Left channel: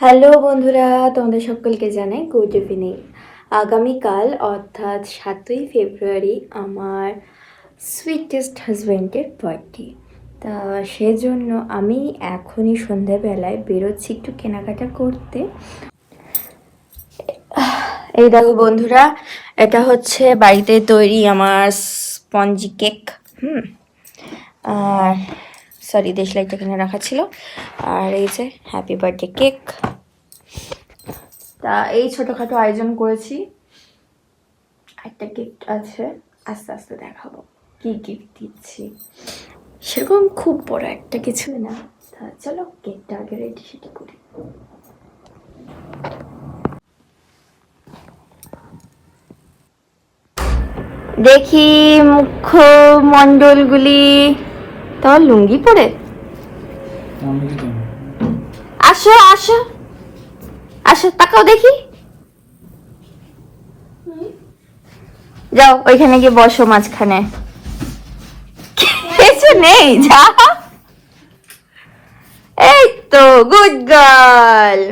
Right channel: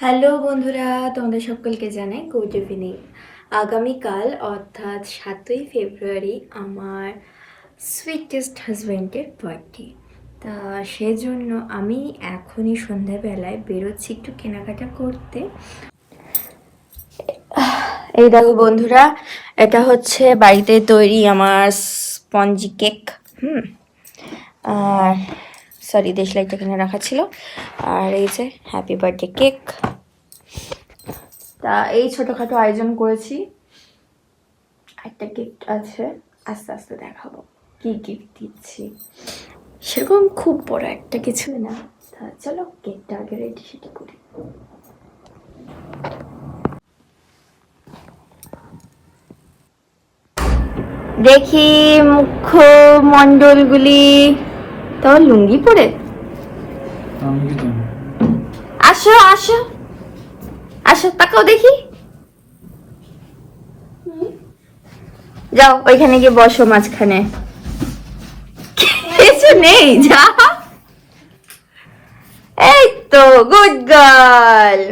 Hello বন্ধুরা, তোমাদের সকলকে জানাই গুড ইভিনিং। আগামীকাল অর্থাৎ 7ই ফেব্রুয়ারি আমার সুইটেস্ট হাজব্যান্ডের বার্থডে। তা সেজন্য আমি এখনই সন্ধ্যাবেলায় বেরোচ্ছি একটু কেনাকাটা করতে। এই দেখো বন্ধুরা, এটা হচ্ছে বাড়িতে তৈরি আমার স্পঞ্জি কেক। আর সরি, দেশলাইটা কিনে রাখা ছিল। আর এই যে হ্যাপি বার্থডে কেক। তা এই ছোটখাটো আয়োজন করেছি। একটা গিফট আছে, আস্তে আস্তে দেখাবো কি গিফট দিচ্ছি। সেরকম খুব বড় একটা কিছু না। তা চলো কেকটা আগে রেডি সেটি করি। দেখি মুখমণ্ডলগুলি। তাও লুঙ্গি পরে আসো আসো আসো, তাকাও দেখি। যাও ওইখানে গিয়ে বসো মাঝখানে। কিছু নেই, যা। এই তো গুড গার্ল।